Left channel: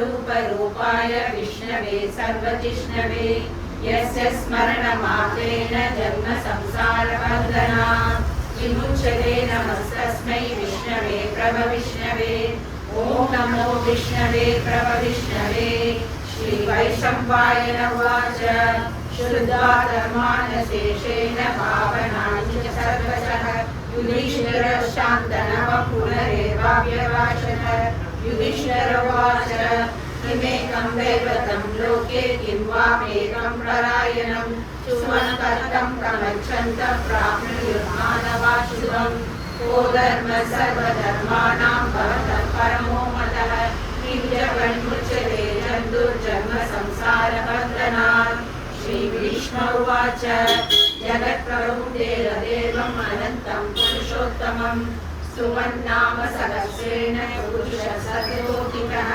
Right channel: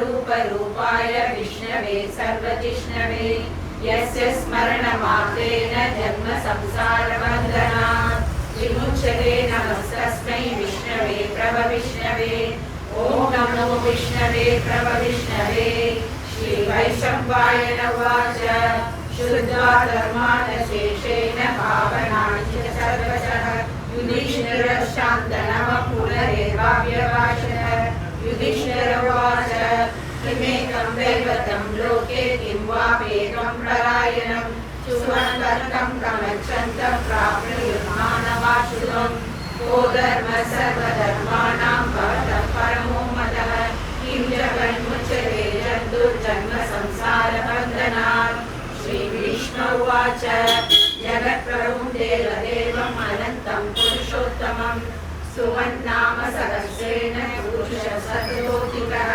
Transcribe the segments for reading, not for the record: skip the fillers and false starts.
रूपाय विष्णवे सर्वजिष्णवे यस्य स्मरणमात्रेण जन्म संसारबन्धनात् विमुच्यते नमस्तस्मै विष्णवे प्रभविष्णवे ॐ नमो विष्णवे प्रभविष्णवे श्रीवैशम्पायन उवाच शुद्धा धर्मानशेषेण भावनानि च सर्वशः युधिष्ठिरः शान्तनः पुनरेवाभ्यभाषत युधिष्ठिर उवाच किमेकं दैवतं लोके किं वाप्येकं परायणं सुवर्णकर्तं प्रगच्छन्तः प्राप्नुयुः मानवाशुभम् को धर्मः सर्वधर्माणां भवतः परमो मतः किं च विमुच्यते जन्तुर्जन्म संसारबन्धनात् श्रीकृष्ण उवाच जगत्प्रभुं देवदेवम् अनन्तं पुरुषोत्तमं सुमन्नाम सहस्रेण पुरुषः शतकोटिकः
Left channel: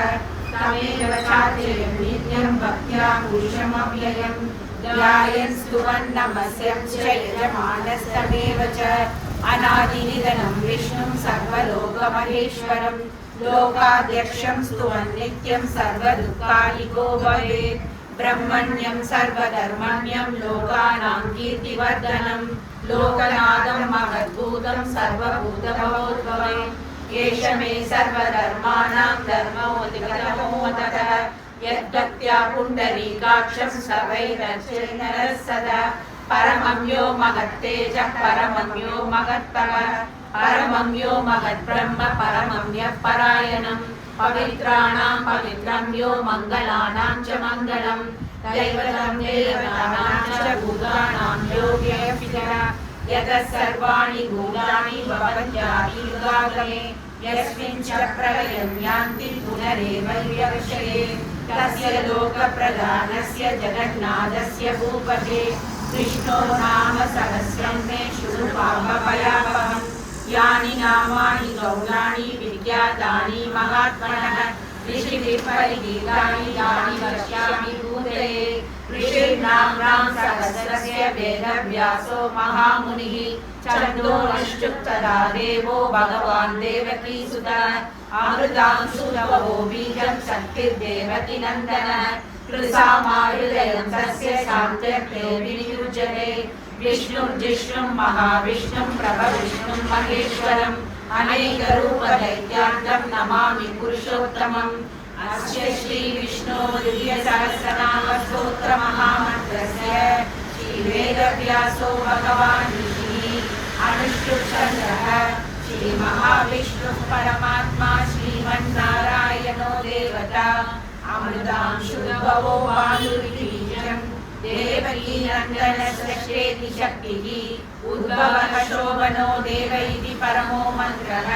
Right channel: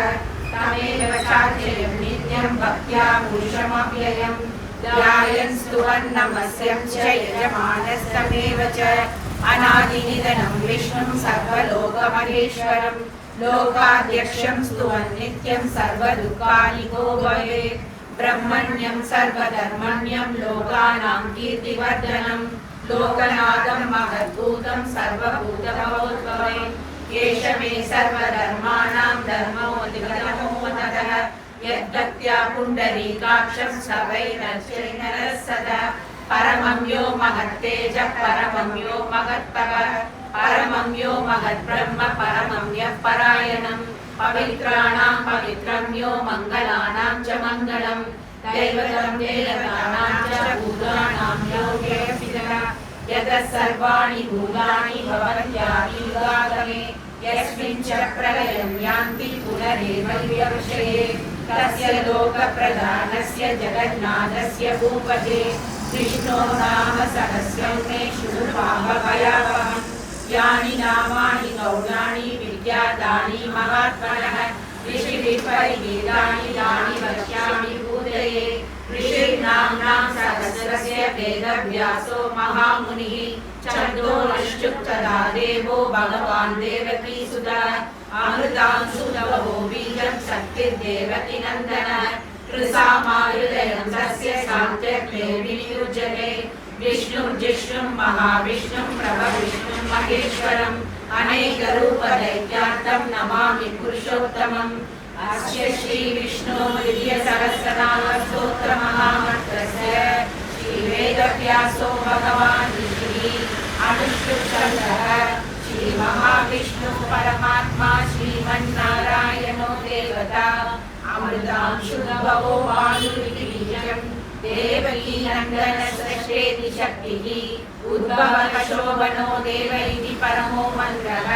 तमेव चाद्यं नित्यं भक्त्या पुरुषमव्ययं ध्यायन् स्तुवन् नमस्यं च यजमानस्तमेव च अनादिनिधनं विष्णुं सर्वलोकमहेश्वरं लोकाध्यक्षं स्तुवन् नित्यं सर्वदुःखानिको भवेत् ब्रह्मण्यं सर्वधर्मण्यं लोकानां कीर्तिवर्धनं लोकनाथं महद्भूतं सर्वभूतभवोद्भवम् केशवे सर्वधर्माणां धर्मोऽधिगतमोऽतः यद्भक्त्या पुण्डरीकाक्षं सवैरर्चनः सदा परमं यो महत्तेजः परमं यो महत्तपः परमं यो महद्ब्रह्म परमं यः परायणं पवित्राणां पवित्रं यो मङ्गलानां च मङ्गलं दैवतं देवतानां च भूतानां यो व्यपितः यतः सर्वाणि भूतानि भवन्त्यादियुगागमे यस्मिन् च प्रलयं यान्ति पुनरेवैर्यविषये तस्य लोकप्रधानस्य जगन्नाथस्य भूपते विष्णो नाम सहस्रं मे शृणुपावभयावहम् यानि नामानि गौणानि विद्यादानि महात्मनः ऋषिभिः परिगीतानि तानि वक्ष्यामि भूतये ऋषिर्नाम्नां सहस्रस्य वेदव्यासो महामुनिः छन्दोनिश्चुक्तदा देवो भगवान् देवकीसुतः अमृतांशुनवो बीजं शक्तिर्देवकी नन्दनः कृसामायुधयं तस्य सान्त्यर्थे विनियुज्यते विष्णुं महाविष्णुं प्रभविष्णुं महेश्वरम् अनेकरूपदैत्यार्थं नमामि पुरुषोत्तमम् अस्य श्रीविष्णोः दिव्यसहस्रनामस्तोत्रमहामन्त्रस्य श्रीवेदव्यासो भगवान् ऋषिः अनुष्टुप्छन्दः श्रीमहाविष्णुः परमात्मा श्रीमन्नारायणो देवता अमृतांशुभवो वायुर्बीजम् देवकी नन्दनस्रेति शक्तिः उद्भवः शोभनो देव इति परमो मन्त्रः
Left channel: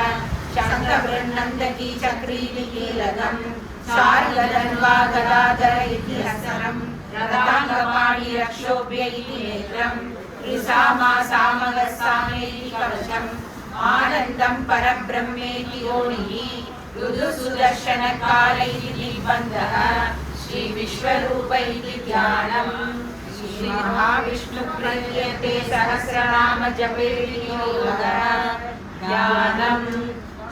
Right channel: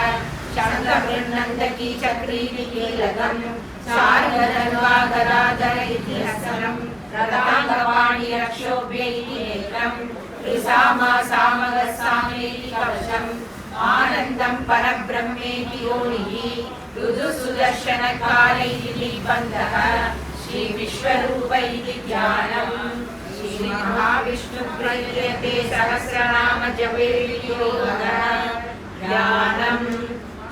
शङ्खबृन्नन्दकी चक्रीति कीलकम् शार्ङ्गधन्वा गदाधर इति हस्तम् रदाङ्गवाणी रक्षोभ्य इति नेत्रम् त्रिसामा सामगस्सामेति कवचम् आनन्दं परब्रह्मेति योनिः ऋतुसुदर्शनकाल इति निबन्धः श्रीविश्वरूप इति ध्यानम् श्रीमहाविष्णुप्रीत्यते सहस्रनाम जपे योगः ध्यानम्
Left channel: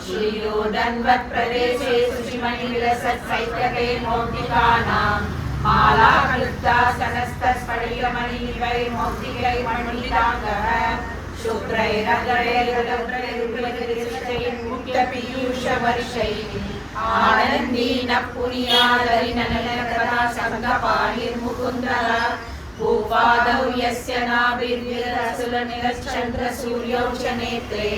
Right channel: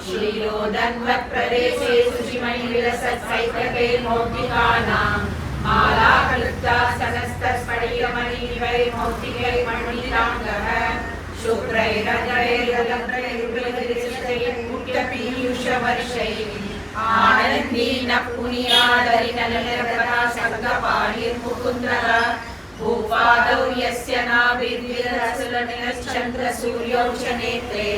श्रीयोदन्वत्प्रदेशे शुचिमणिविलसत्सैकते मौक्तिकानां मालाक्लुप्ता सहस्रस्फटिकमणिवैर्मौक्तिकैर्मण्डिताङ्गः शुभ्रैरजरैर्मुक्तपीयूषवर्षैः आनन्दीनः पुनीयादरिनलिनकला शङ्खपाणिर्मुकुन्दः भूपादौ यस्य नाभिर्विरसुलनिलश्चन्द्रसूर्यौ च नेत्रे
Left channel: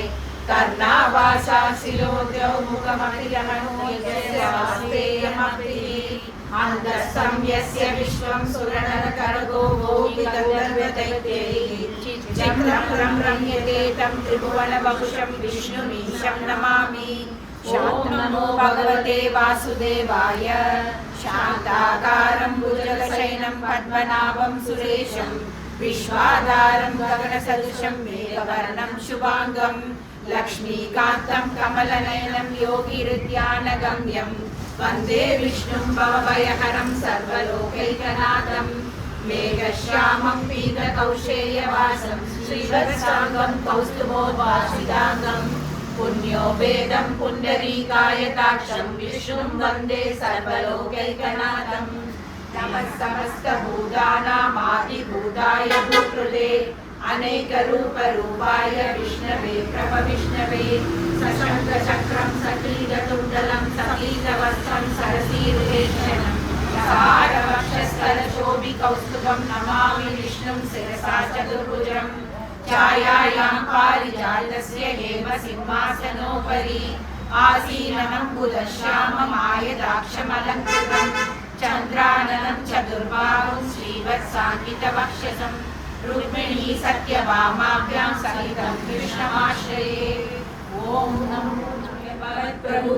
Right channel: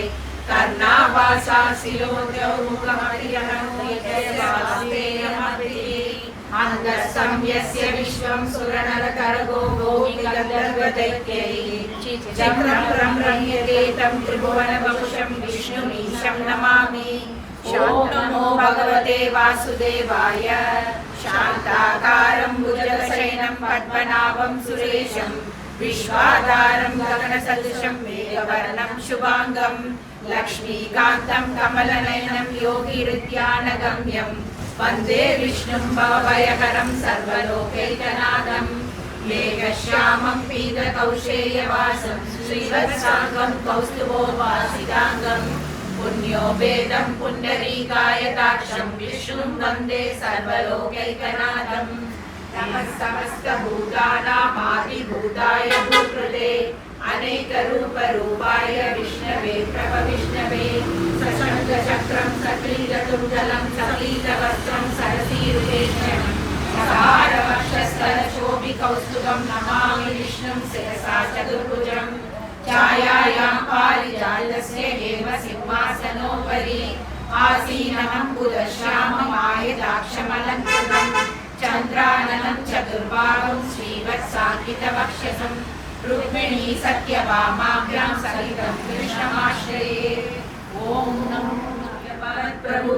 कर्णावासा शिरोद्यौ मुखमणियहस्तेयमग्निः अन्तस्तं यस्य विश्वं सुरनरकरगो भौमिकगन्धर्वदैत्यैः चक्रं रम्यते तं त्रिभुवनवपुषं विष्णुमीशं नमामि ॐ नमो भगवते वासुदेवाय शान्ताकारं भुजगशयनं पद्मनाभं सुरेशं विश्वाधारं गगनसदृशं मेघवर्णं शुभाङ्गं लक्ष्मीकान्तं कमलनयनं योगिहृद्यानगम्यं वन्दे विष्णुं भवभयकरं सर्वलोकैकनाथं मेघश्यामं पीतकौशेयवासं श्रीवत्साङ्गं कौस्तुभोद्भासिताङ्गं पुण्यो वेदं पुण्डरीकायताक्षं विष्णुं वन्दे सर्वलोकैकनाथम् नमः समस्तभूतानामादिभूताय भूकृते अनेकरूपरूपाय विष्णवे प्रभविष्णवे सशङ्खचक्रं सकीलकुण्डलं सकीलवस्त्रं सरसीरुवेक्षणं सहारवक्षस्थलशोभिकौस्तुभं नमामि विष्णुं शिरसा चतुर्भुजम् छायायां पारिजातस्य हेम सिंहासनोपरि आसीनं बुधश्याममायदाक्षमलङ्कृतं चन्द्राननं चतुर्बाहुं श्रीवत्साङ्कितवक्षसं रुक्मिणी सत्यभामाभ्यां सहितं कृष्णमाश्रये। ॐ नमो भगवत्प्रभु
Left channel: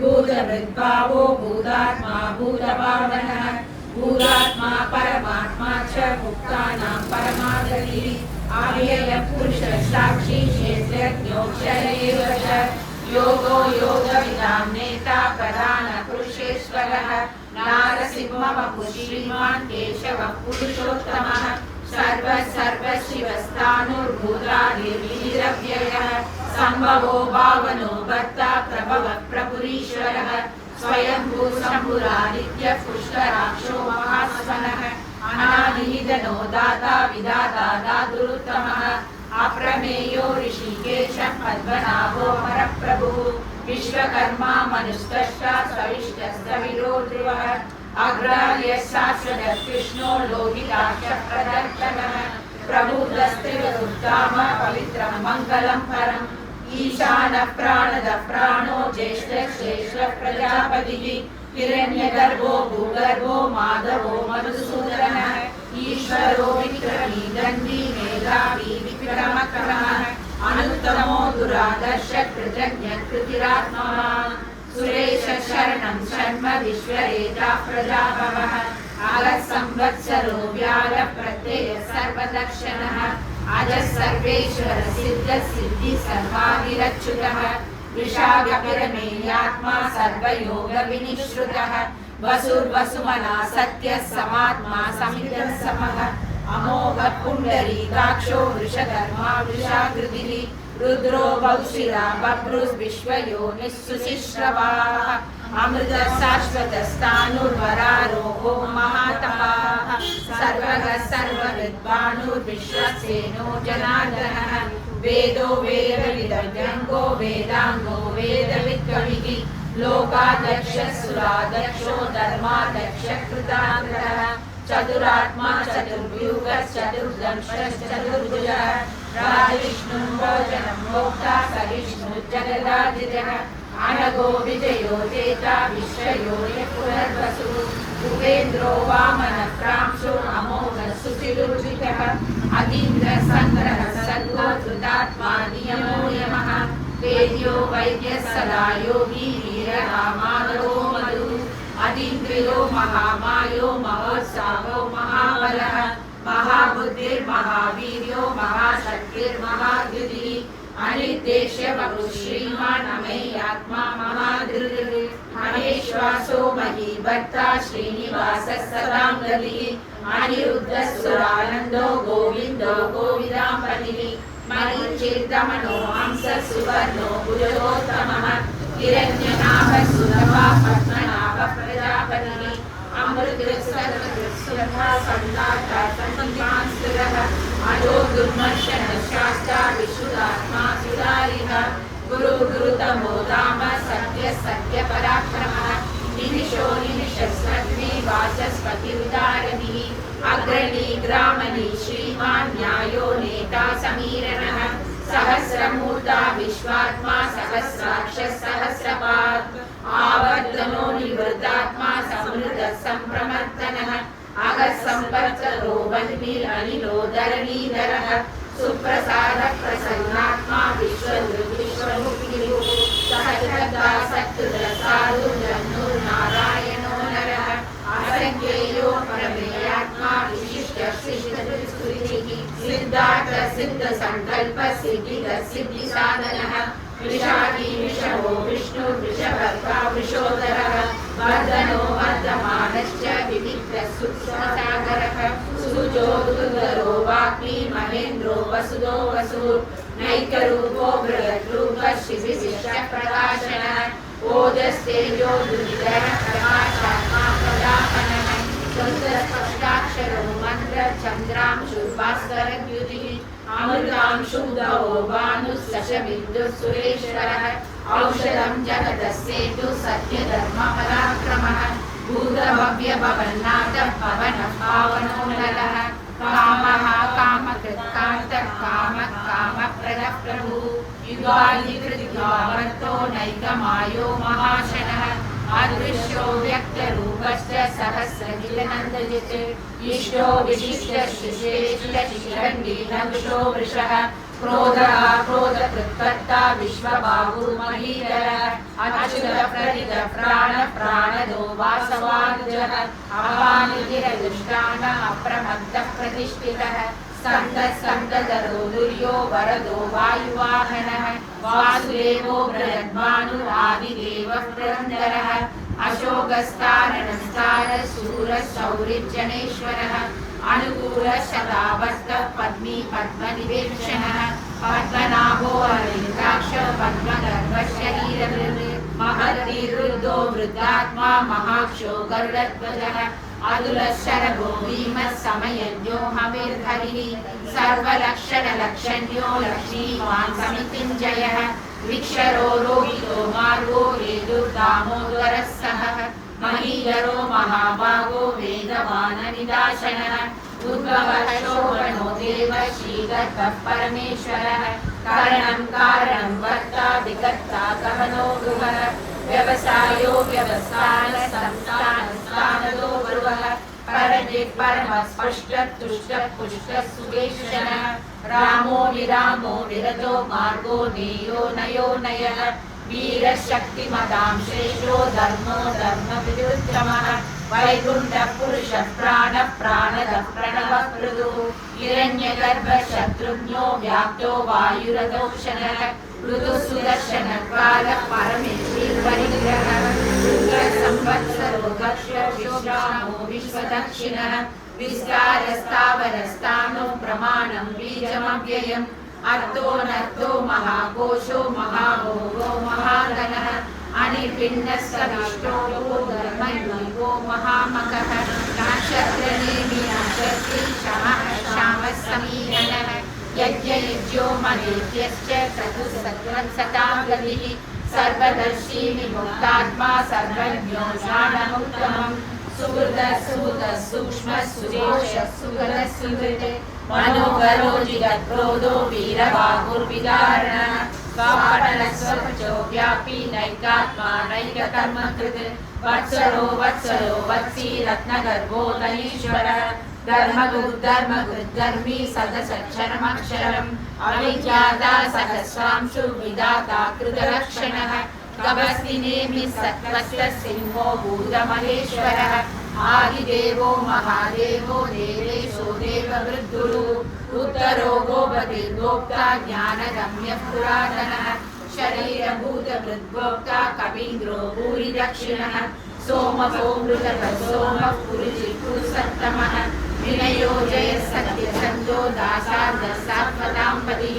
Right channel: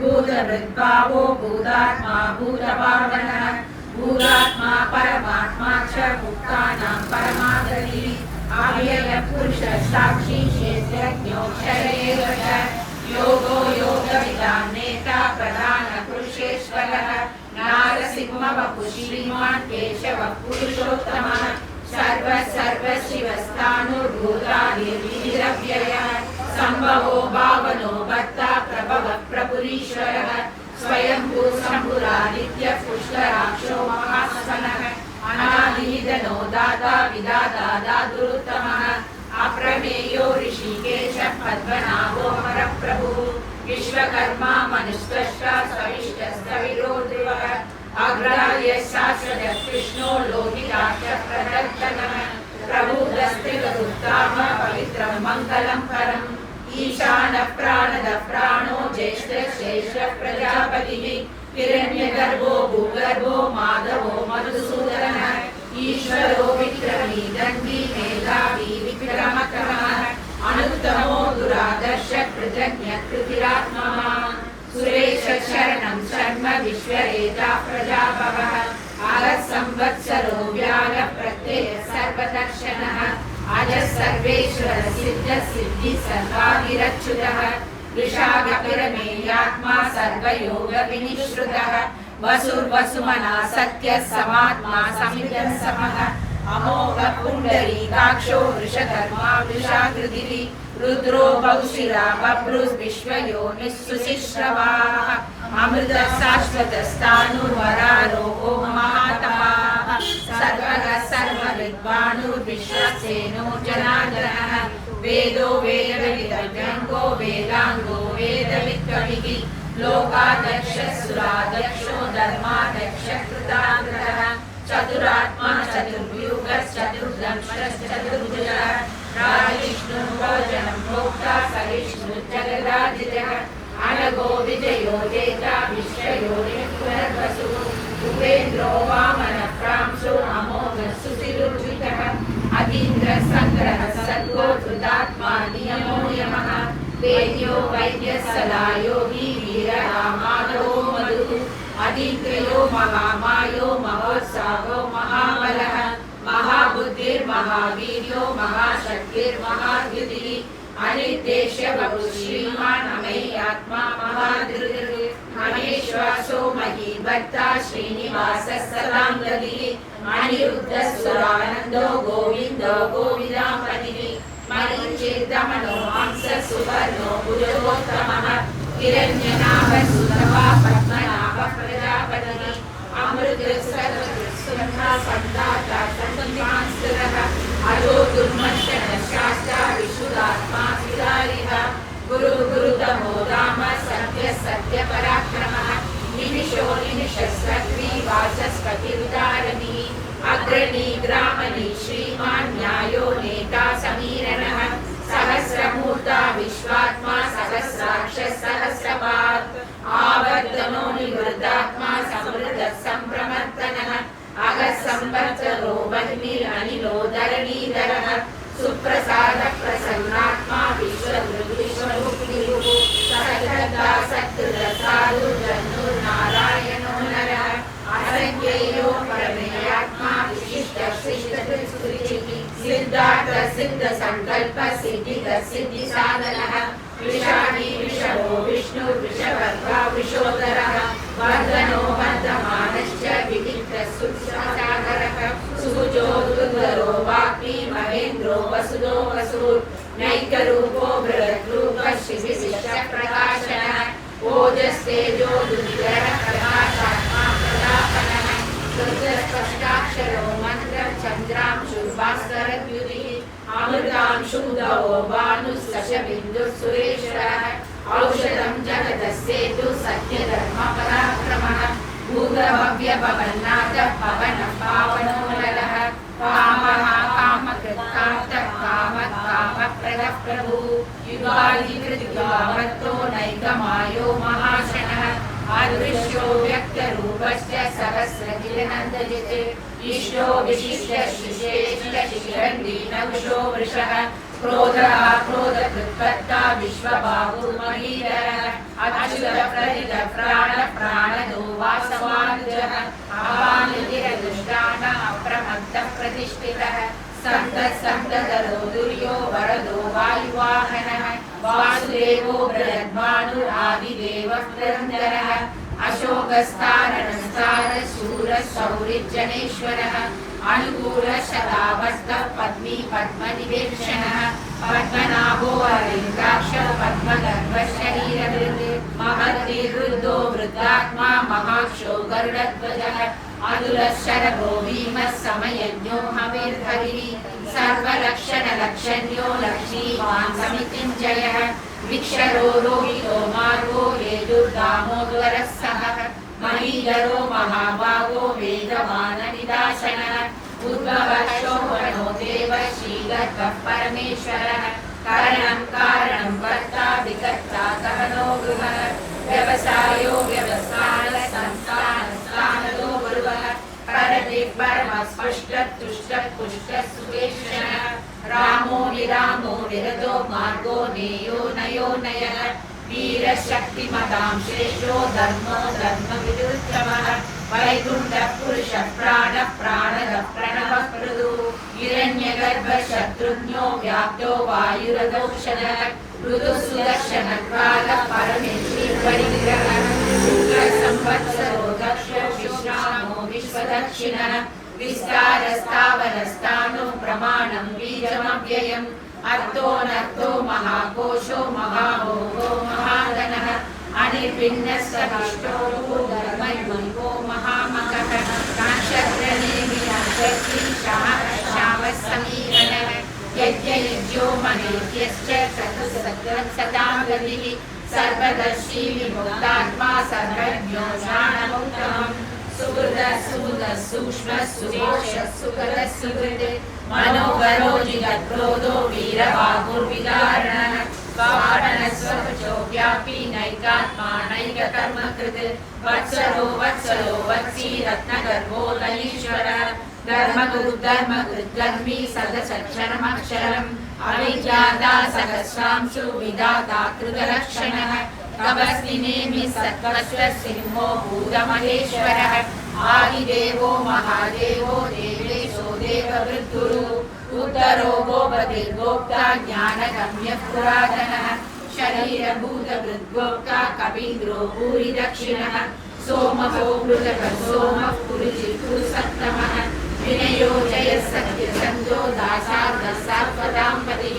भूतहृद्भावो भूतात्मा भूतभावनः भूतात्मा परमात्मा च मुक्तानां परमागतिः अव्ययपुरुषः साक्षी क्षेत्रज्ञोऽक्षरैव च योगो योगविदां नेता प्रधानपुरुषेश्वरः नारसिंहवपुः श्रीमान् केशवः पुरुषोत्तमः सर्वशिवस्तानुर्भूतादिर्वीरव्ययः सम्भवो भावनो भक्ता प्रभवः प्रभुरीश्वरः स्वयंभू शम्भुरादित्यः पुष्कराक्षो महासनः अनादिनिधनो दाता विधाता दातुरुत्तमः अप्रमेयो ऋषिकेशः पद्मनाभो हरप्रभुः विश्वकर्मा मनुष्यश्च सविष्टस्तविरो ध्रुवः अग्राह्यः शाश्वतः कृष्णो लोहिताक्षः प्रदर्शनः प्रभुदस्त्रिवदुत्तामः पवित्रं मङ्गलं परम् ईशानः प्राणदः प्राणो ज्येष्ठः शेषः प्रजापतिः हिरण्यगर्भो भूगर्भो माधवो मधुसूदनः ईश्वरो विक्रमी दण्डी मेधावी विक्रमक्रमः अनुत्तमो दुरादर्शः कृतज्ञः कृतिरात्मवान् सुरेश शरणं शर्म विश्वरेता प्रजाभवः आगः संवत्सरो व्यालः प्रत्ययः सर्वदर्शनः अजः सर्वेश्वर सिद्ध सिद्धि सर्वादिरच्युतः विशाखपरमेयात्मा सर्वयोग विनिश्रुतः वसुर्वसुमना सत्यः समात्मा समितः समः अमोघ पुण्डरीकाक्षो वृषधर्मा वृषाकृतिः रुद्रो बहुशिरा बभ्रुर्विश्वयोनिः सुशिश्रवाः अमृतः शाश्वतस्तानुर्वरारोहो महातपाः सर्वः सर्वविद्वानुर्विश्वसेनो जनार्दनः वेदो वेदविदव्यङ्गो वेदाङ्गो वेदवित्कविः लोकाध्यक्षः सुराध्यक्षो धर्माध्यक्षः कृताग्रहः चतुरात्मा चतुर्व्यूहः चतुर्दंशः चतुर्भुजः राजविष्णुः भोजनं भोक्ता सविष्णुः जगदार्जितः अनघो विजयो जेता विश्वयोनिः पुनर्वसुः उपेन्द्रो वामनः प्रांशो अमोघः सुतिरुर्जितः अतीन्द्रः सङ्ग्रहः सर्गो धृतात्मा नियमो यमः वेद्यो वैद्यः सदा योगी वीरः माधवो मधुः अतीन्द्रियो महामायो महोत्साहो महाबलः महाबुद्धिर्महावीर्यो महाशक्तिर्महाद्युतिः अनिर्देश्य बहु श्रीमान् अमेयात्मा महाधृतिः महेश्वासो महीभर्ता श्रीनिवासः सदां गतिः अनिरुद्धः सुरानन्दो गोविन्दो गोविदाम्पतिः मरीचिर्दमनो हंसः सुवर्णो भुजोत्तमः हिरण्यनाभः सुतपा पद्मनाभः प्रजापतिः अमृतसर्वसुरः संदाता अजो दुर्मर्शनः शास्ता विशुद्धात्मा सुधारिः गुरु गुरुतमो राम सत्य सत्यपराक्रमः निमिषो निमिषस्वग्नी वाचस्पतिरुदारमिः अग्रणी ग्रामणी श्रीमान् न्यायो नेता समीरणः सहस्रमूर्ता विश्वात्मा सहस्राक्षः सहस्रपात् आवर्तनो निवृतात्मा समृद्धः सम्प्रमर्दनः अगः संवत्सरो वह्निरनिलो धरणीधरः सुप्रसादः प्रसन्नात्मा विश्वविश्वमुक्तिः सहस्रदा सत्कृतसाधुर्नारायणो नरः असंख्येयो परमेयात्मा विशिष्टः शिष्टस्तुतिः सिद्धार्थ सिद्ध संकल्प सिद्धिः सिद्धिसाधनः विशाखी विषभो विष्णु वृषभर्वा वृषोदरः वर्धनो वर्धमानश्च विविक्तः सुसागरः सुजो दुर्धरो वाक्मी महेन्द्रो वसुदो वसुर् नैकरूपो बृहद्रूपो तेजो दुर्निधर प्रकाशात्मा प्रदापनः रुद्रस्पष्टाक्षरो मंत्र चंद्रांशु भास्करद्युतिः अमृतांशु गवो भानुश्चशबिन्दुः सुरेश्वरः औषधं जगदस्येतु सत्यधर्मपराक्रमः भूतभव्यभवन्नाथः पवनः पावनो नरः कामः कामकृत्कार्तः कामः कामप्रदः प्रभुः युगादिकृतियुगावर्तो नैकमायो महाशनः अदृश्यो व्यक्तरूपश्च सहस्रगिरिनन्दयते इष्टो विशिष्टशिशेष्टशिखण्डीनदुषो वृषः क्रोधः क्रोधकृत्कर्ता विश्वबाहु महीधरः अच्युतप्रतितः प्राणदो वासवानुजः अपानिधिरदुष्टान अप्रमत्तः प्रतिष्ठितः सन्तधरो दुर्यो वरदो वायुवाहनः वासुदेवो बृहद्भानु आदिदेवः पुरन्दरः अशोकस्तारणस्तारः शूरः सौरिज्जनेश्वरः अनुकूलः शतावस्तः पद्मी पद्मनिवेक्षणः पद्मनाभो हरिद्राक्षः पद्मगर्भः शरीरधृत् महद्दीर्घो वृद्धात्मा महाक्षो गरुडध्वजः अतुलः शरभो भीमः समयज्ञो हविर्हरिः सर्वलक्षणलक्षण्यो लक्ष्मीवान् समितिञ्जयः वृक्षरो रोहितो मार्गो हेतुर्दामोदरः सहः महीधरो महाभागो वेदवाननिदाशनः उद्भवः शोभनो देवः श्रीदत्तः परमेश्वरः कारणं कारणं कर्ता विकर्ता गहनो गुहः व्यवसायो व्यवसायः संस्थानस्थानदो गुरुवः परदे परमः स्पष्टः तुष्टः पुष्टः सुकेशनः रामो विरामो विरजो मार्गो नेयो नयो नयः वीरशक्तिमतां श्रेष्ठो धर्मो धर्मविरुद्धमः वैकुण्ठः पुरुषः प्राणः प्राणदः प्रणवः पृथुः हिरण्यगर्भः शत्रुघ्नो व्याप्तो वायुरदौषधः ऋतुः सुदर्शनकालः परमेश्वरी परिग्रहः संवत्सरो दक्षो विश्रामो विश्वदक्षिणः विस्तारस्तावरस्तानो प्रमाणं बीजमव्ययम् अर्थोऽनर्थो महाकोशो महाभोगो महागणः अनिर्भिन्नः सविष्टो धर्मन्मयो महामकः नक्षत्रनेमि नक्षत्री शमः शावः समीरणः यज्ञयज्ञो महेभ्यश्च सतां गतिः सर्वदर्शी विमुक्तात्मा सर्वज्ञो ज्ञानमुत्तमम् सुहृदः सुहृदः सूक्ष्मः सुघोषः सुगतः सुहृदे मनोहरो जिगत्क्रोधो वीरबाहुर्विदारणः कारणः स्वपचो व्यापी नैकात्मा नैककर्मकृत् वत्सरो वत्सरो वत्सी रत्नगर्भो नयीश्वरः धर्मकृद्धर्मी सदसक्षरमक्षरम् अविज्ञाता सहस्रांशु विधाता कृतलक्षणः तपस्विनेमि सत्त्वस्य सिंहो भूतमहेश्वरः आदिदेवो महादेवो देवेशो देववृद्धुरुः उत्तरो गोपतिर्गोप्ता ज्ञानगम्यः पुरातनः शरीरभूतवृद्गोप्ता कपीन्द्रो भूरिदक्षिणः सोमको मृतकः सोमः पुरुषिपुरुषोत्तमः विनयो जयः सत्यसन्धो दासार्धः सात्वतां पतिः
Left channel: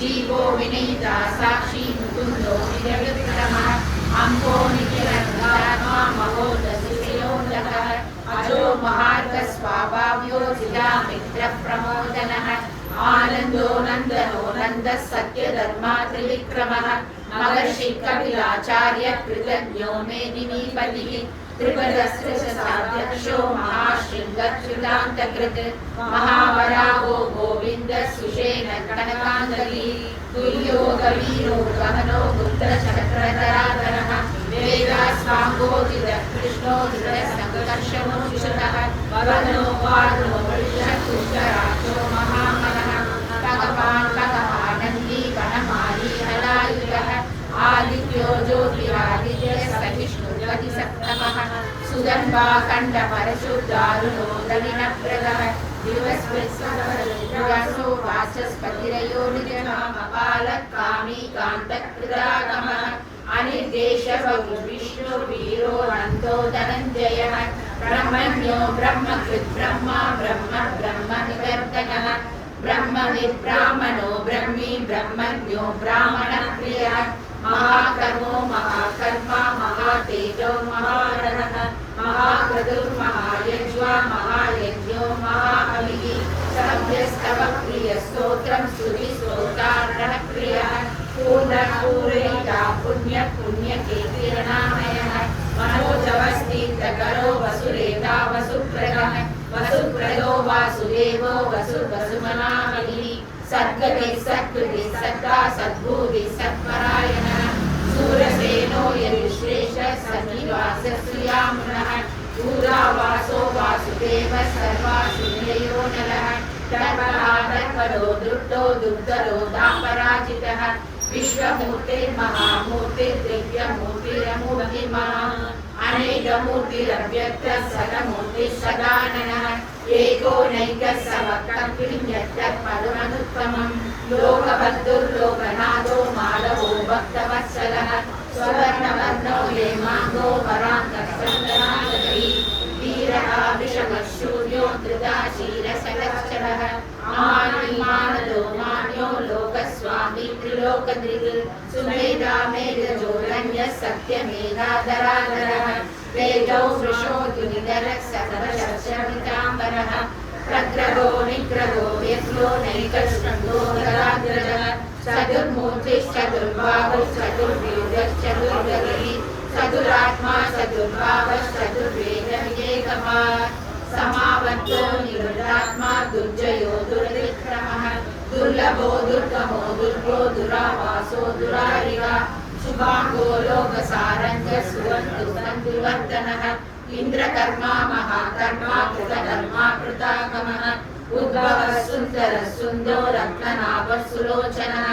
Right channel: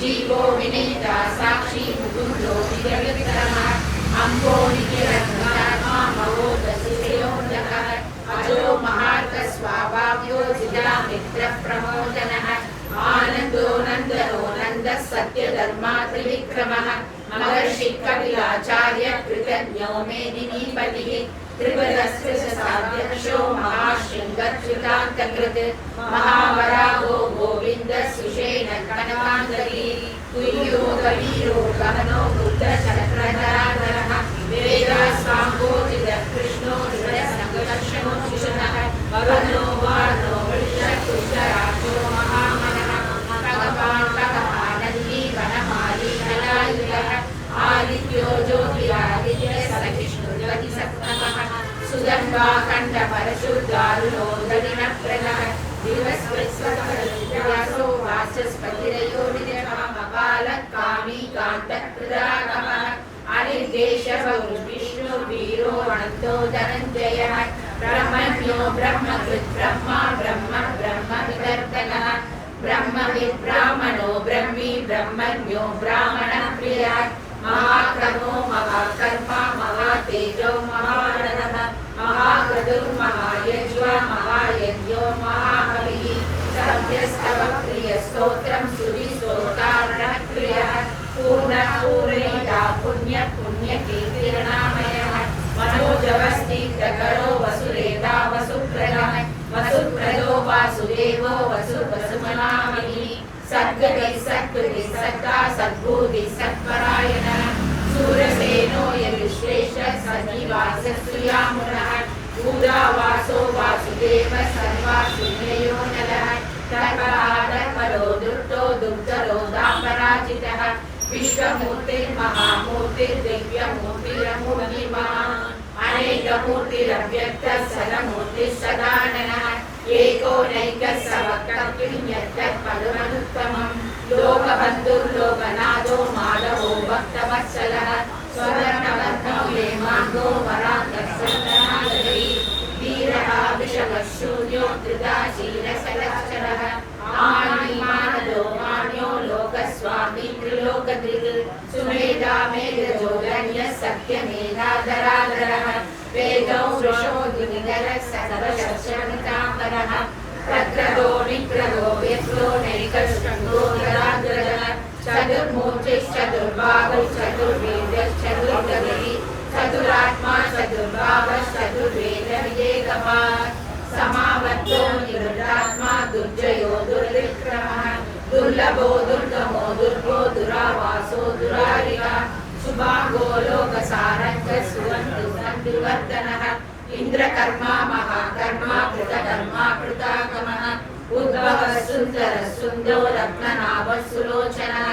जीवो विनीता साक्षी मुकुन्दो निरविक्रमः अम्बो निखिलत्मा मवोदशिशिरोदकः अजो महार्थस्वाभाव्यो जिदा मित्रप्रमोदनः आनन्दो नन्दनो नन्दः सत्यधर्मा त्रिविक्रमः महर्षि कपिलाचार्य कृतज्ञो मेदिनीपतिः त्रिपदस्पृशसाध्यक्षो महाशृङ्गच्युतान्तकृत् महावरागो गोविन्दः सुषेण कनकाङ्गदी तुल्यो कवीरो गहनो गुप्तचक्रधराधरः वेदासाङ्गोदितः कृष्णो हृदयसङ्कर्षणो शिशुनः वरुणो वारुणो वृषकुष्ठराक्षो महामनः आनन्दी वनमाली नलायुधः आदित्यो ज्योतिरादित्य सविष्णुर्वतिसप्तमः सुगन्धा कण्ठपरशुदारुणो दविनप्रदः दिवस्पृत्सवरसो वाचस्पतिरयो निजः कपालकामी कान्तकृदागमः अनिर्देशः विष्णुर्वीरो अनन्तो धनञ्जयः ब्रह्मण्यो ब्रह्मकृत् ब्रह्मा ब्रह्म ब्रह्मकृतर्तनः ब्रह्मविद्ब्राह्मणो ब्रह्मी ब्रह्मण्यो ब्राह्मणप्रियः महाकर्मो महाकर्मा महात महातेजो महारणः महाक्रतुर्महायज्वा महायज्ञो महाबलिः सभ्यस्तव प्रियस्तोत्रं सुविस्तोत्रार्णः प्रियः पूर्णपूर्णिता पुण्यकीर्तिर्नामयः मनोजवस्तीर्थकरो वसुरेता वसुप्रदः वसुप्रदो वासुदेवो वसुमनामहिः सद्गतिः सत्ता सद्भूतिः सत्परायणः सूरसेनो यजुश्रेष्ठः सजीवास्य श्रियामुनः भूरावासो वासुदेवः सर्वासिद्धयो नरः धर्मपदो दुष्टो दुर्धरो दापराजितः विश्वमूर्ते महामूर्ते दिव्यमूर्तिरमूर्तिमान् अनेकमूर्तिरव्यक्तः सदमूर्तिः सदाननः एको नैकः समत्तमनुत्तमम् लोकबन्धुर्लोकनाथो माधवो भक्तवत्सलः स्ववर्णवर्णो हेमाङ्गो वराङ्गः वीरः विषमः शून्यो धृताशीलशलक्षणः आनिमानदो मान्यो लोकस्वामी त्रिलोकधृत् सुमेधा मेघजोरण्यः सत्यमेधाधराधरः वेदौ वृषो द्विधरः सकलशस्त्रमिताम्बरः प्रक्रदो निक्रदो यत्रो नैकशृङ्गो धराग्रजः चतुर्मूर्तिश्चतुर्बाहुः चतुर्वेदश्चतुर्गतिः चतुरात्मा चतुर्भावः चतुर्वेदविवेकवान् समावर्तो निवृत्तात्मा दुर्जयो दुर्विक्रमः दुर्लभो दुर्गमो दुर्गो दुरावासो दुरारिः शुभांगो लोकसारञ्जः सुवन्दुः दुर्वर्धनः इन्द्रकर्मा महाकर्मा कृतकर्मा कृतागमः उद्भवः सुन्दरः सुन्दो रत्ननाभः सुलोचनः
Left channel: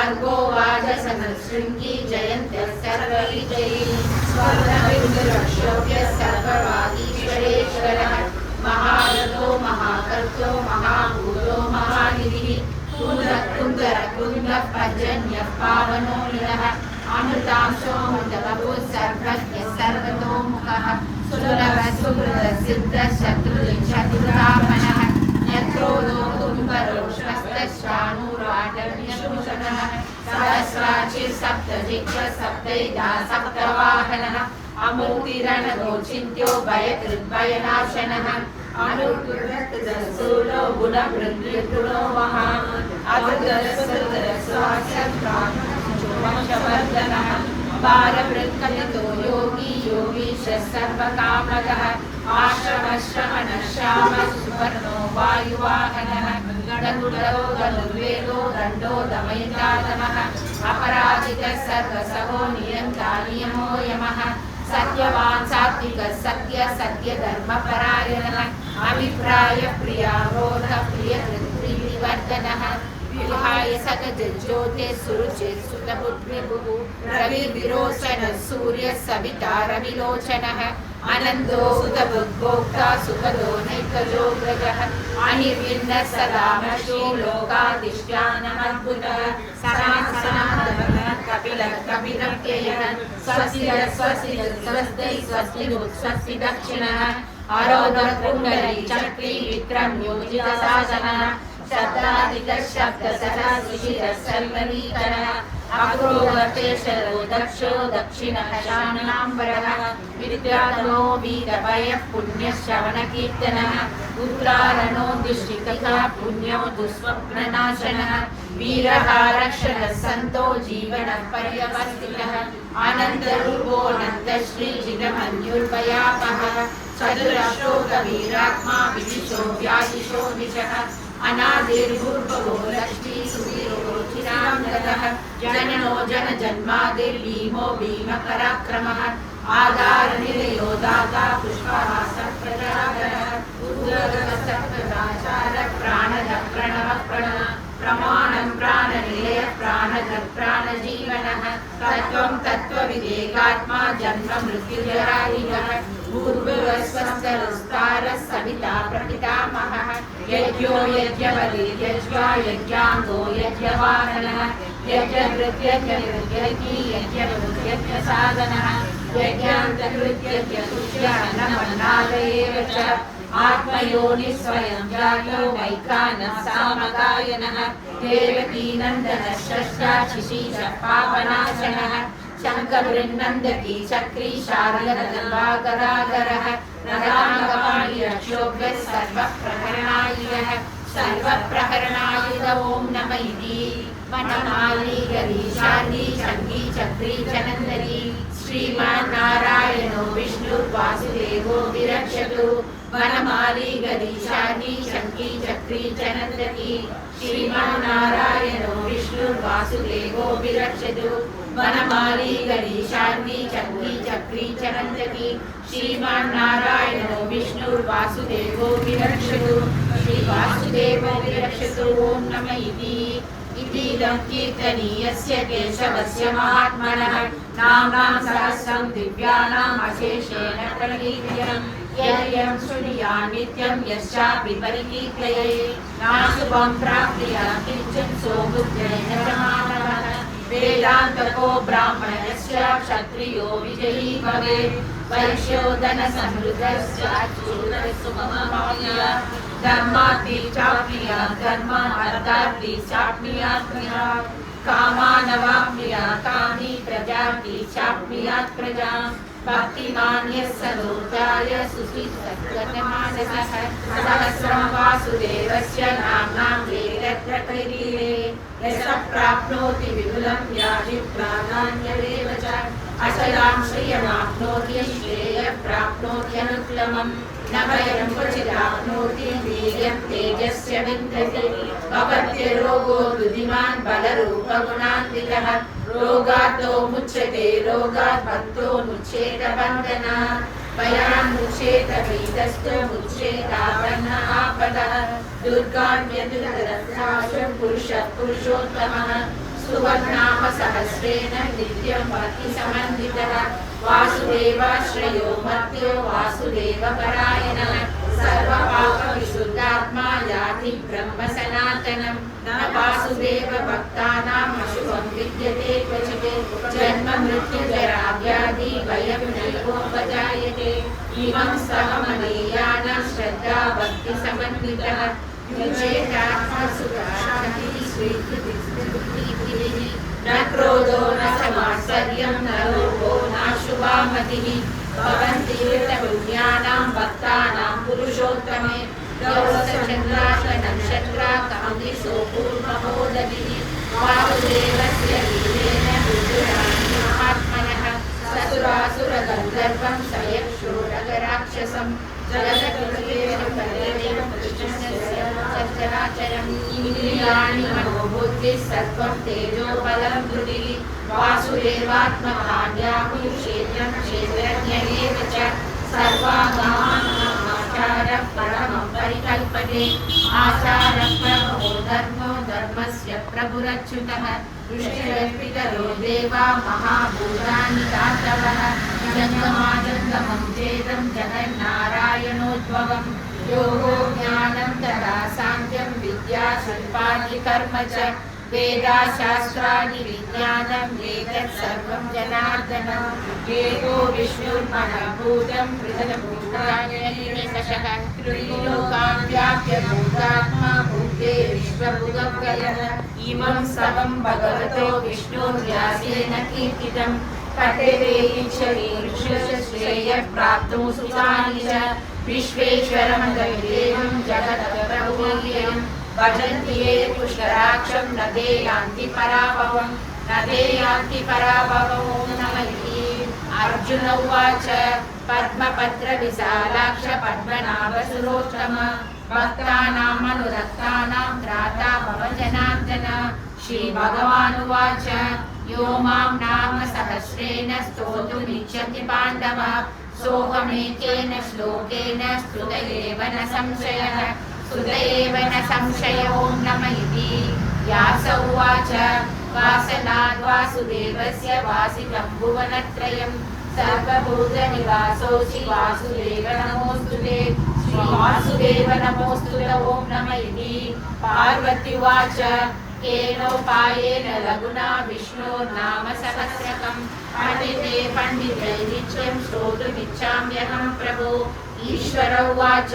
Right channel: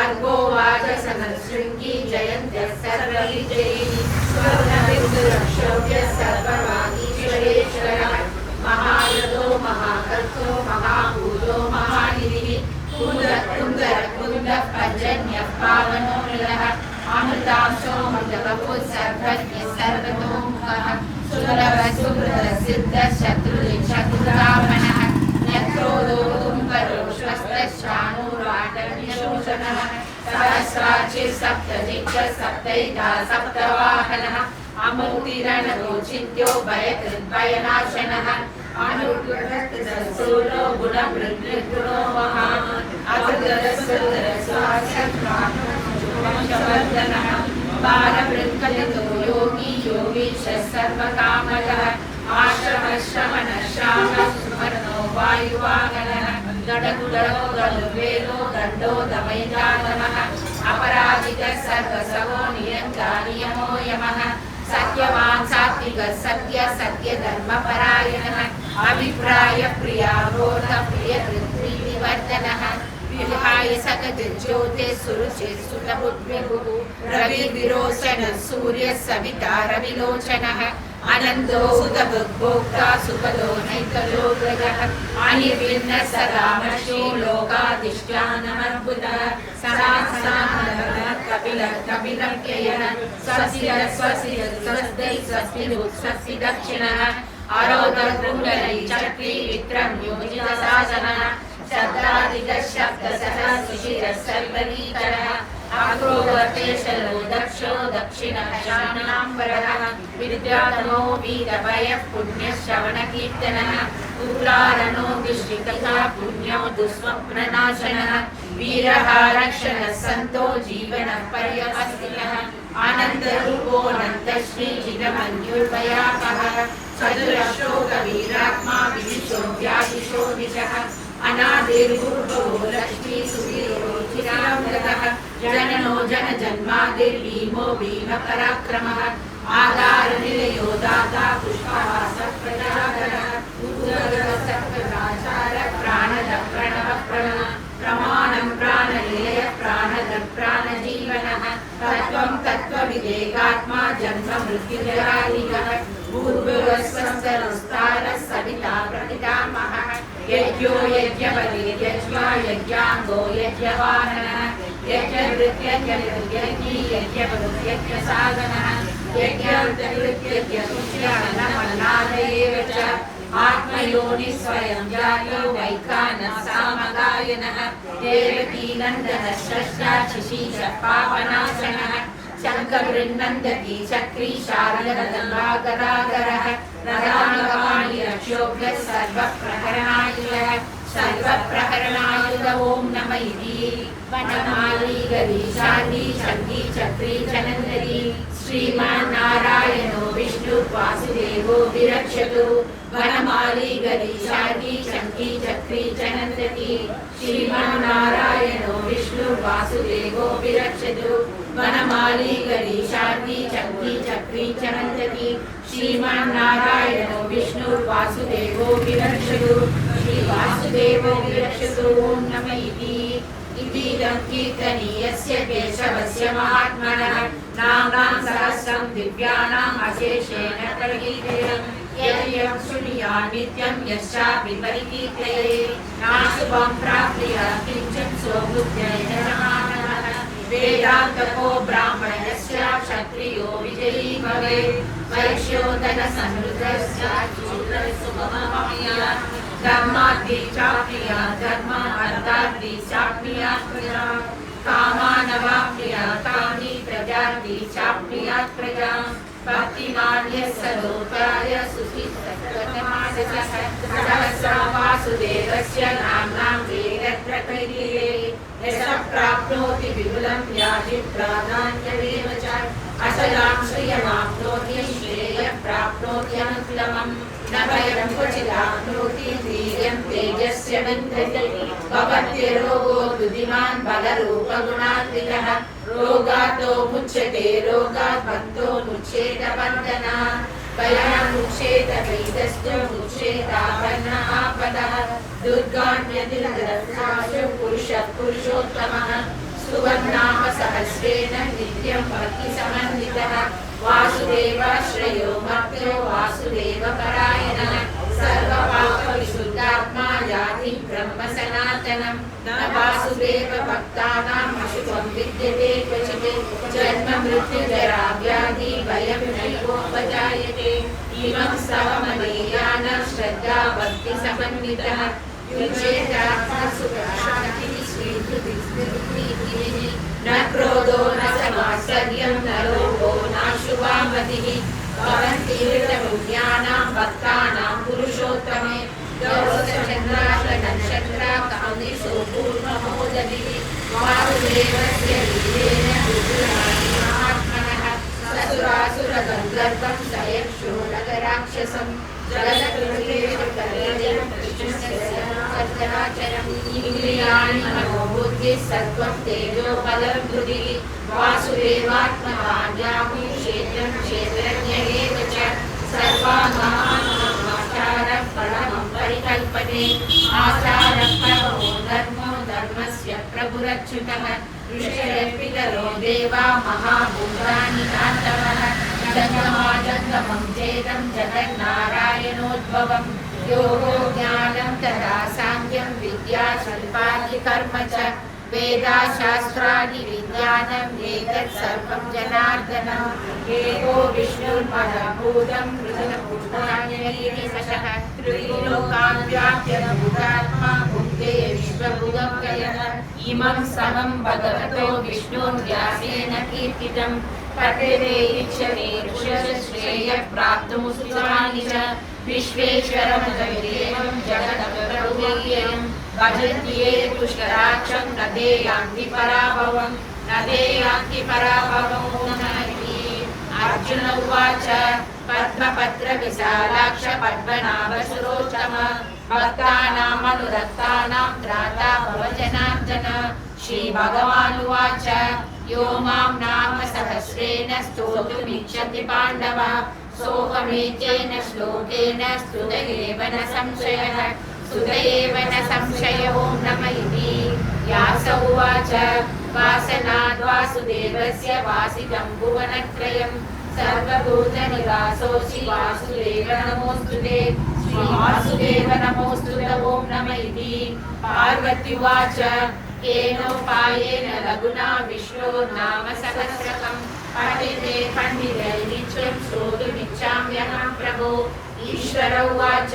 अर्घो वाजसनः शृङ्गी जयन्त्यः सर्वविजयी स्वर्णबिन्दुरक्षोभ्यः सर्ववागीश्वरेश्वरः महारथो महाकर्तो महाभूतो महानिधिः कुन्दः पर्जन्यः पावनो निरः अमृतांशोऽमृतबहुः सर्वज्ञः सर्वतोमुखः सुलभः सुहृदः सिद्धः शत्रुधामनः नक्रोधो तुम्बरो श्वस्तः शाणूराटनिशोषणः सहस्राक्षिः सप्तदिक्पः सप्तैधा सप्तवाहनः अमूर्तिरणगोचिन्त्यो भयकृद्भयनाशनः अनुग्रहस्तूलो गुणमृद्गुणो महान् अवधरसुरस्वासवर्धनः बालवृत्कलितो योगी योगीशः सर्वकामकः आश्रमश्रमणः श्यामः सुवर्णो वायुवाहनः गणकुलरो गणुर्वेदो दण्डो दमयतादनः अपराजितः सर्वसवो नियन्ता नियमो यमः सत्यवान् सात्विकः सत्यधर्मपरायणः अभिप्राय प्रियारोध प्रियकृत्प्रीतिवर्धनः विहाय सकज्योतिः सुरुचिः सुतपुत्रभुः रविर्विरोचनः सूर्यः सविता रविलोचनः अनन्दो सुतभुग्भोक्ता सुखदो नैकलोग्रजः अनिर्विण्णः सदा मशो लोकाधिष्ठानमद्भुतः सनातनः कपिलव्ययः स्वस्तिः स्वस्ति दक्षिणः अरोधकुण्डली चक्री विक्रम्योजितशासनः शब्दादिकः शब्दसः सुशिरः सर्वनीकरः अग्रोवर्तेशरो दक्षो दक्षिणः शानाम्बरः विद्यातमो वीरभयः पुण्यश्रवणकीर्तनः उत्तारणो दुष्टितः पुण्यो दुःस्वप्ननाशनः वीरः रक्षणः सन्तो जीवनः पर्यवस्थितः आनन्दरूपोऽनन्तश्रीजितमन्युर्भयापहः चतुरशोकवीरात्मा विदिशो व्यादिशो दिशः अनादिर्भूतो लक्ष्मीसुधीरोचिरामृतः जननो जनजन्मादिर्भीमो भीमपराक्रमः आधारनिलयो दाता पुष्पहासः प्रजागरः उद्गतसत्प्रदाचारः प्राणदः प्रणवः प्रमाणं प्राणनिलयः प्राणदः प्राणजीवनः तत्त्वं तत्त्वविवेकात्मा जन्म मृत्युजरादिगः भूर्भुवस्वस्तरस्तारः सविता प्रपितामहः यज्ञो यज्ञवलिर्यज्ञो यज्ञाङ्गो यज्ञवाहनः यज्ञभृत्यज्ञभृत्यज्ञी यज्ञभृत्यज्ञसाधनः यज्ञान्तकृत्यज्ञतुष्यमनमनादयेव च आत्मयोनिः स्वयं जातो वैखानः सामगायनः देवकीनन्दनः षष्ठा शिशीषः पापनाशनः शङ्खवृन्नन्दकी चक्री शार्ङ्गगदाधरः रदाङ्गपाणि रक्षोभ्यः सर्वप्रहरणायुधः सर्वप्रहरणायुध ॐ नम इति वनमाली गरीशाली शङ्खी चक्री चनन्दरी श्रीमान्नारायणो विष्णुर्वासुदेवो विरक्षतु वनमाली गरीशाली शङ्खी चक्री चनन्दरी श्रीमान्नारायणो विष्णुर्वासुदेवो विरक्षतु वनमाली गरीशाली शङ्खी चक्री चनन्दरी श्रीमान्नारायणो विष्णुर्वासुदेवो विरक्षतु श्रीवासुदेवो विरक्षतु ॐ नम इतीदं कीर्तनीयस्य केशवस्य महात्मनः नाम्नां सहस्रं दिव्यानाम् अशेषेण प्रकीर्तनं यं शृणुयात् नित्यं यश्चापि परिकीर्तये नाशुभं प्राप्नुयात् किञ्चित् सोबुद्धेन समानः वेदान्तको ब्राह्मणस्य क्षत्रियो विजयी भवेत् वैश्यो धनसमृद्धस्य शूद्रसुगमः धर्मार्थी चाप्नुया धर्म अर्थार्थी चाप्नुया कामानवाप्नुया कामी प्रजार्थी चाप्नुया प्रजा भक्तिमान् यः सलोकाय सुखितमानसः सहस्रं वासुदेवस्य नाम्नां वेदत्रकैर्ये यः प्राप्नोति विपुलं याति प्राधान्यमेव च अचलां श्रियमाप्नोति श्रेयः प्राप्नोति अनुत्तमम् न वयं क्वचिदाप्नोति वीर्यं तेजस्य विन्दति भवत्यरोगो बुद्धिमान् बलरूपगुणान्वितः रोगातो मुच्यते रोगात् बन्धो मुच्येत बन्धनात् बलान्मुच्येत वैदस्तु मुच्येतापन्नः आपदः दुर्गान्यतिरथाशु पुरुषः पुरुषोत्तमः सुवर्णाः सहस्रेण नित्यं भक्तिसमन्वितः वासुदेवाश्रयो मर्त्यो वासुदेवपरायणः सर्वपापविशुद्धात्मा याति ब्रह्म सनातनं न वासुदेवभक्तानाम् अशुभं विद्यते क्वचित् जन्म मृत्युजरा व्याधि भयं नैवोपजायते इमं सममनेयानं श्रद्धा भक्तिसमन्वितः न क्रोधो न समात्सर्यं न लोभो नाशुभा मतिः भवन्ति हृतपुण्यानां भक्तानां पुरुषोत्तमे गौरचन्द्राशनक्षत्राकामिशो पूर्णमोदभिः वासुदेवस्य वीर्येण रुद्रात्मनः ससुरासुरगन्धर्वं सयक्षो नगराक्षसं इंद्रियाणि मनोबुद्धिः सत्त्वं तेजो बलं बुद्धिः वासुदेवात्मवान् क्षेत्रं क्षेत्रज्ञमेव च सर्वात्मनः परमं परिकल्पते आचारः परमो धर्मो धर्मस्य प्रभुरच्युतः ऋषयः देवा महाभूतानि धातवः जङ्गमाजङ्गमं चेदं जगन्नारायणोद्भवम् योगो ज्ञानं तदा साङ्ख्यं विद्या शिल्पादिकर्म च वेदाशास्त्रादि विज्ञानम् एतत् सर्वं जनार्दनम् एको विष्णुर्महाभूतं हृदयभूतान्यनिशः त्रिलोकान् व्याप्य भूतात्मा भुङ्क्ते विश्वभुवव्ययः इमं समं भगवतो विष्णुर्व्यासेन कीर्तितं पठते इच्छते ऋषश्रेयः प्राप्तुं सुखानि च विश्वेश्वरं देवं जगदप्रभुव्ययं भजन्ति ये पुष्कराक्षं न ते यान्ति पराभवं न ते यान्ति पराभवं अर्जुन उवाच पद्मपत्रविशालाक्ष पद्मनाभसुरोत्तम भक्तानाम् अनुरक्तानां त्राता भव जनार्दन श्रीभगवानुवाच यो मां नाम सहस्रेण स्तोतुमिच्छति पाण्डवः सोऽहमेतेन श्लोकेन स्तुत एव न संशयः स्तुत एव न संशयो नम इति व्यास उवाच वासनाद् वासुदेवस्य वासितं भुवनत्रयं सर्वभूतनिवासोऽसि वासुदेव नमोऽस्तु ते श्रीवासुदेव नमोऽस्तु ते ॐ नम इति पार्वत्युवाच येनोपायेन लघुना विष्णोर्नाम सहस्रकं पठिते पण्डितैरिच्यं श्रोतुमिच्छाम्यहं प्रभो ईश्वर उवाच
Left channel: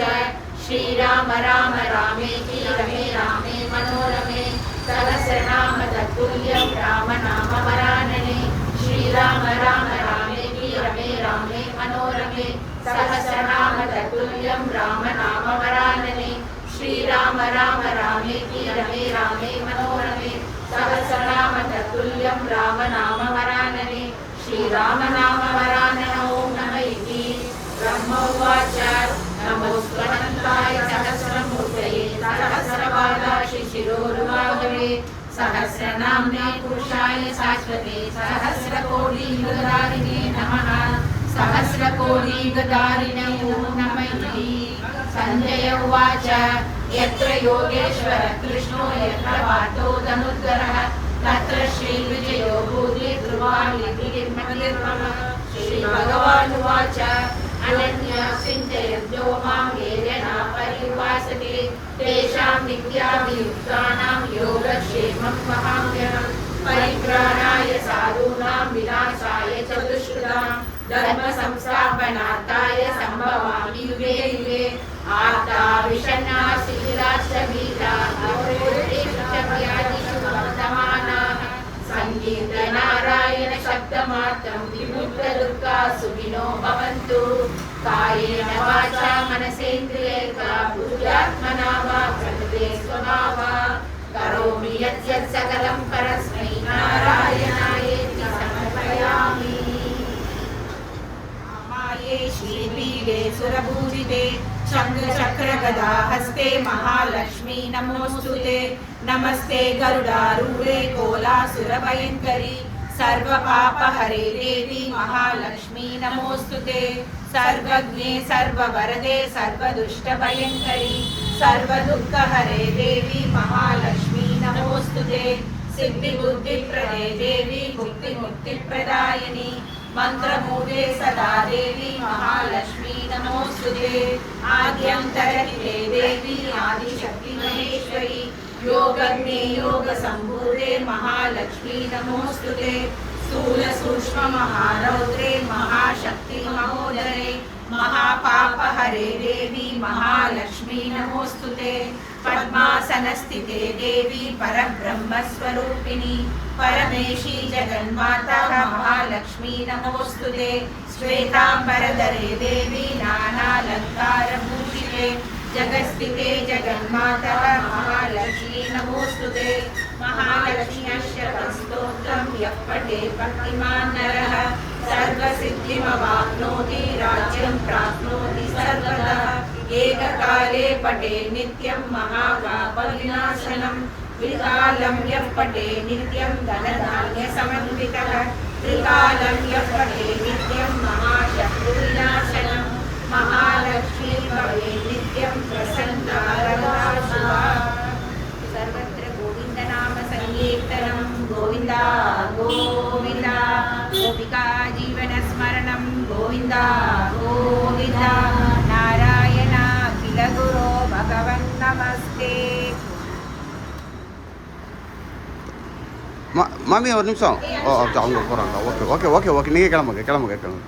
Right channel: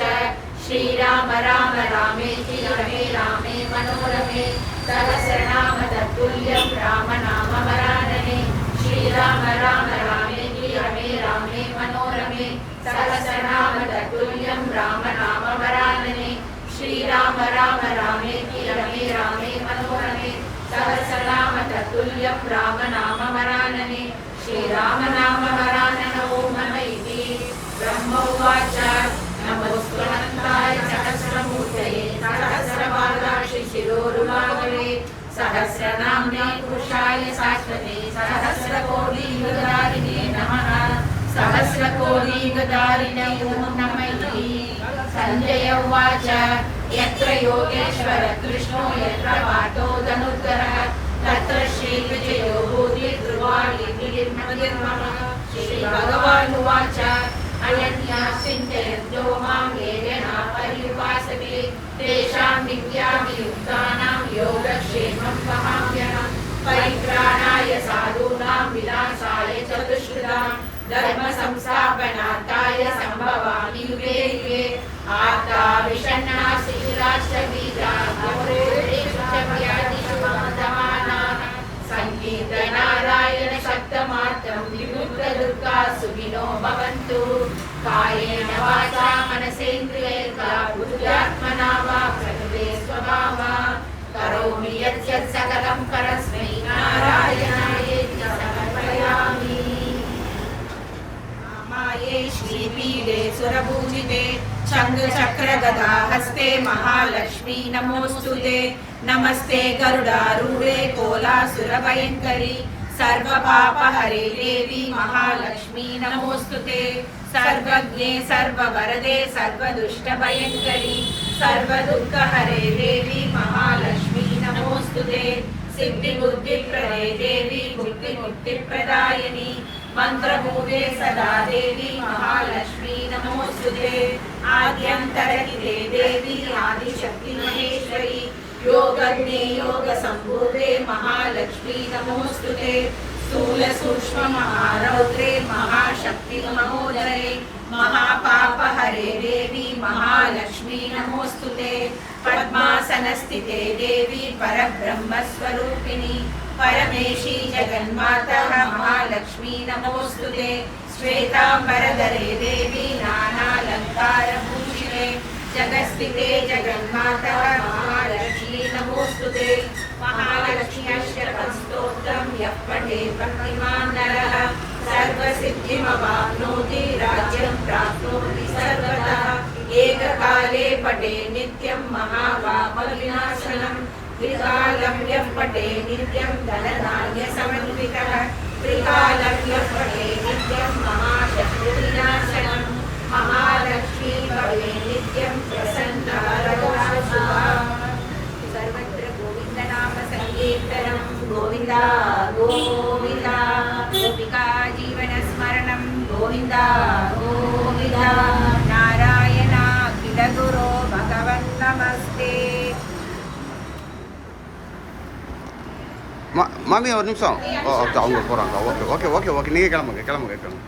श्रीराम राम रामेति रमे रामे मनोरमे सहस्रनाम तत्तुल्यं राम नाम वरानने श्री श्रीराम राम रामेति रमे रामे मनोरमे सहस्रनाम तत्तुल्यं राम नाम वरानने श्रीराम राम रामेति रमे रामे मनोरमे सहस्रनाम तत्तुल्यं राम नाम वरानने श्रीराम नाम वराननो नमः इति ब्रह्म उवाच नमोऽस्त्वनन्ताय सहस्रमूर्तये सहस्रपादाक्षि शिरोरुबाहवे सहस्रनाम्ने पुरुषाय शाश्वते सहस्रकोटियुगधारिणे नमः सहस्रकोटियुगधारिणे नमः इति सञ्जय उवाच यत्र योगेश्वर कृष्णो यत्र पार्थो धनुर्धरः तत्र श्रीविजयो भूति ध्रुवाणिर्मम श्रीभगवानुवाच अनन्या चिन्तयन्तो मां येन पर्युपासते तेषां विद्याभियुक्तानां योगक्षेमं वहाम्यहं परित्राणाय साधूनां विनाशाय च दुष्कृतां धर्मसंस्थापनार्थाय सम्भवामि युगे युगे आर्ता विषण्णा शिथिलाश्चवीरा संकीर्तनारायण शब्दमात्रं विमुक्तदुर्गा सुखिनो भवन्तु कायेन वाचा मनसेन्द्रियैर्वा बुद्ध्यात्मना वा प्रकृते स्वभावात् करोमि यत् सकलं परस्मै नारायणायेति समर्पयामि। माये श्रीपीठे सुरपूजिते शङ्खचक्रगदा हस्ते महालक्ष्मी नमोऽस्तुते नमस्ते गरुडारूढे कोलासुरभयङ्करी सर्वपापहरे देवी महालक्ष्मी नमोऽस्तुते सर्वज्ञे सर्ववरदे सर्वदुष्टभयङ्करी सर्वदुःखहरे देवी महालक्ष्मी नमोऽस्तुते सिद्धिबुद्धिप्रदे देवी बुद्धिमुक्तिप्रदायिनी मंत्रभूते सदा देवी महालक्ष्मी नमोस्तुते आद्यन्तरहिते देवी आदिशक्ति महेश्वरी योगज्ञे योगसम्भूते महालक्ष्मी नमोस्तुते स्थूल सूक्ष्म महारौद्रे महाशक्ति महोदरे महापापहरे देवी महालक्ष्मी नमोस्तुते पद्मासनस्थिते देवी परब्रह्मस्वरूपिणी परमेशी जगन्माता महालक्ष्मी नमोस्तुते श्वेतांबरधरे देवी नानालंकारभूषिते जगत्स्थिते जगन्माता महालक्ष्मी नमोस्तुते महालक्ष्म्यष्टकस्तोत्रं यः पठेत् भक्तिमान् नरः सर्वसिद्धिमवाप्नोति राज्यं प्राप्नोति सर्वदा एककाले पठे नित्यं महापापविनाशनं त्रिकालं यः पठे नित्यं धनधान्यसमन्वितः त्रिकालं यः पठे नित्यं महाशत्रुविनाशनं महालक्ष्मी भवे नित्यं प्रसन्ना शुभा। सर्वत्र गोविन्दनाम संकीर्तनं गोविन्दा गोविन्दा गोपिका जीवनस्मरणं गोविन्दा गोविन्दा नारायण अखिल गुरो भगवन् नमस्ते। மாமி ஒரு நிமிஷம் ஓ அவங்க போகிறாங்களா ஓகே ஓகே ஓகே ஓகே நீங்கள் கிளம்புங்க கிளம்புங்க கிளம்புங்க